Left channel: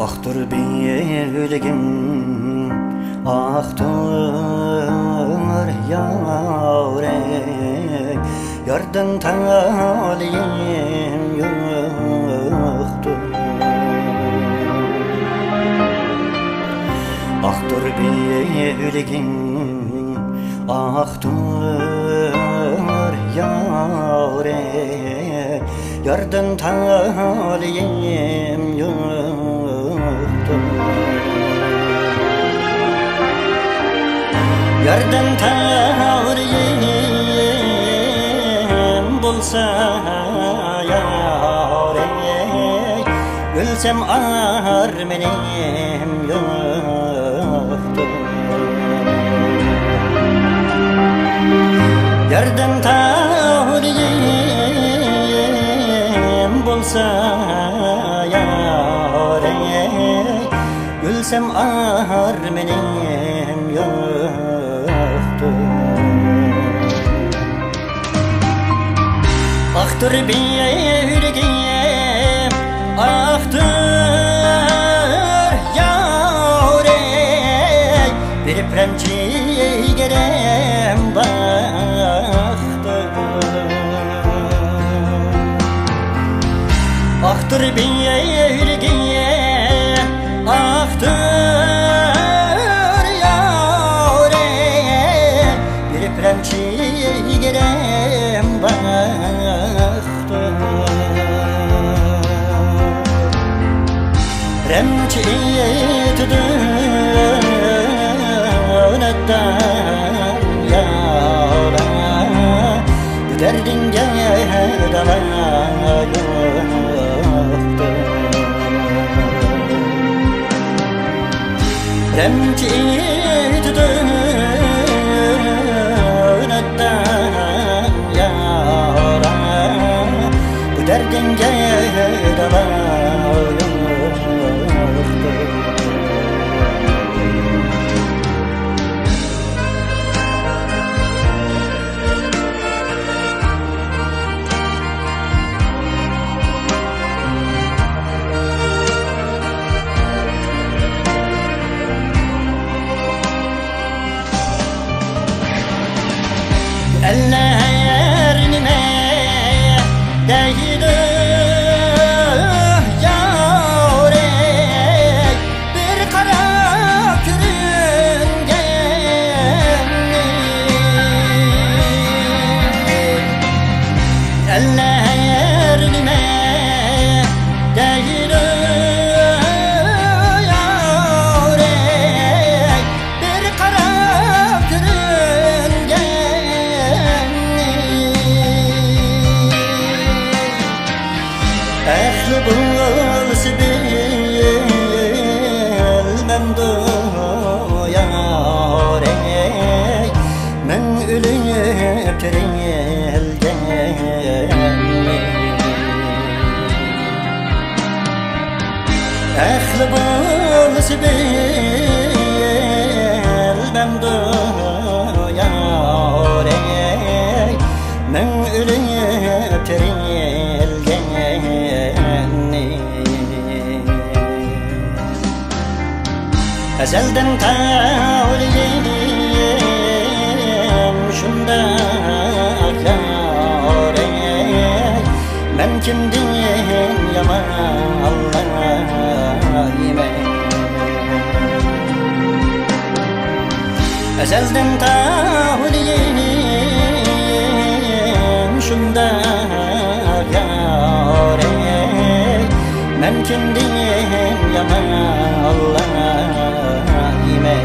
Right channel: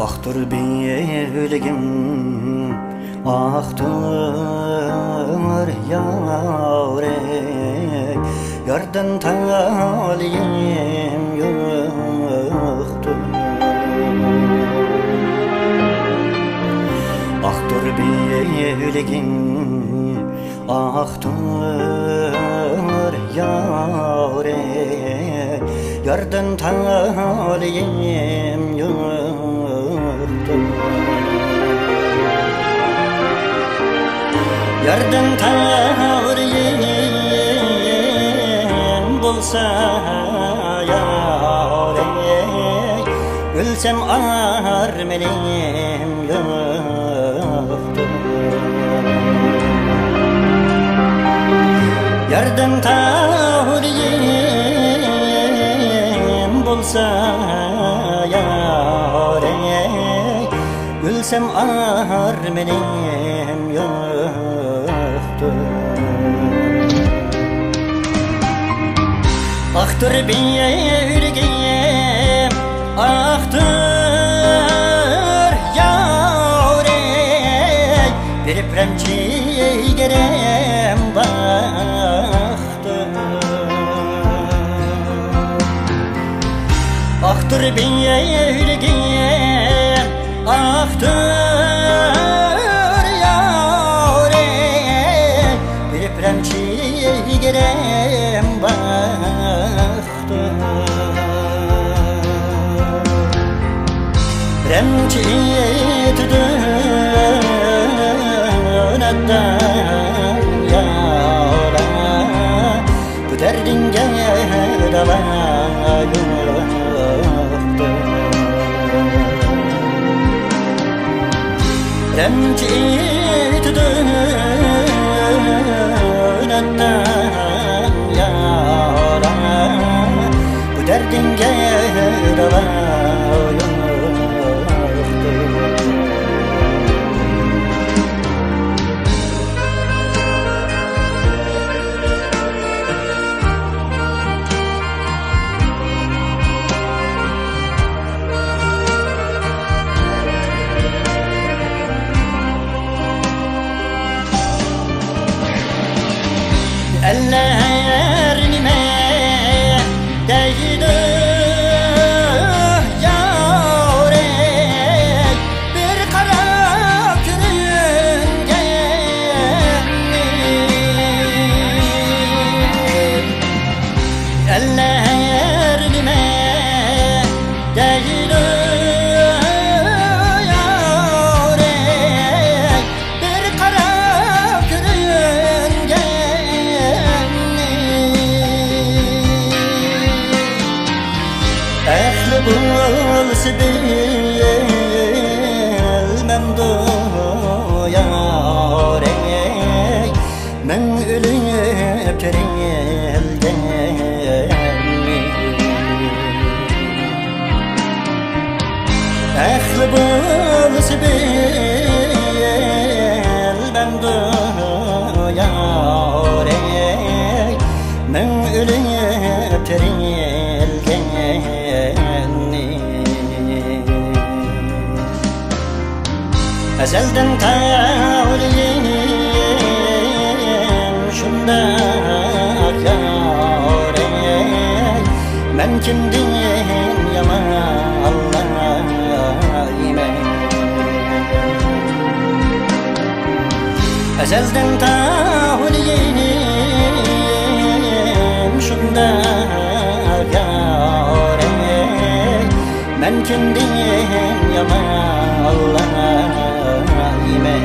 Aktır bilgim, aktır yarey, yardan taliyim yoktur. Aktır bilgim, aktır yarey, yardan taliyim yoktur. Yardan taliyim bulsa yarey, ölsem ar benim yoktur. Yardan taliyim bulsa yarey, ölsem ar benim yoktur. Aktır bilgim, aktır yarey, bir premçigerem baktır. Aktır bilgim, aktır yarey, bir premçigerem baktır. Remçiyet dönetten yara, bu derdinge deva yoktur. Remçiyet dönetten yara, bu derdinge deva yoktur. Eller nime değdi yarey, bir kara kürüngenli. Eller nime değdi yarey, bir kara kürüngenli. Ehli bulsa bilmem doyarey, men ölüp terilgenli. Ehli bulsa bilmem doyarey, men ölüp terilgenli. Ezelden taliyim şunda yarey, men kimdim yaman Allah'ime. Ezelden taliyim şunda yarey, men kimdim yaman Allah'ime.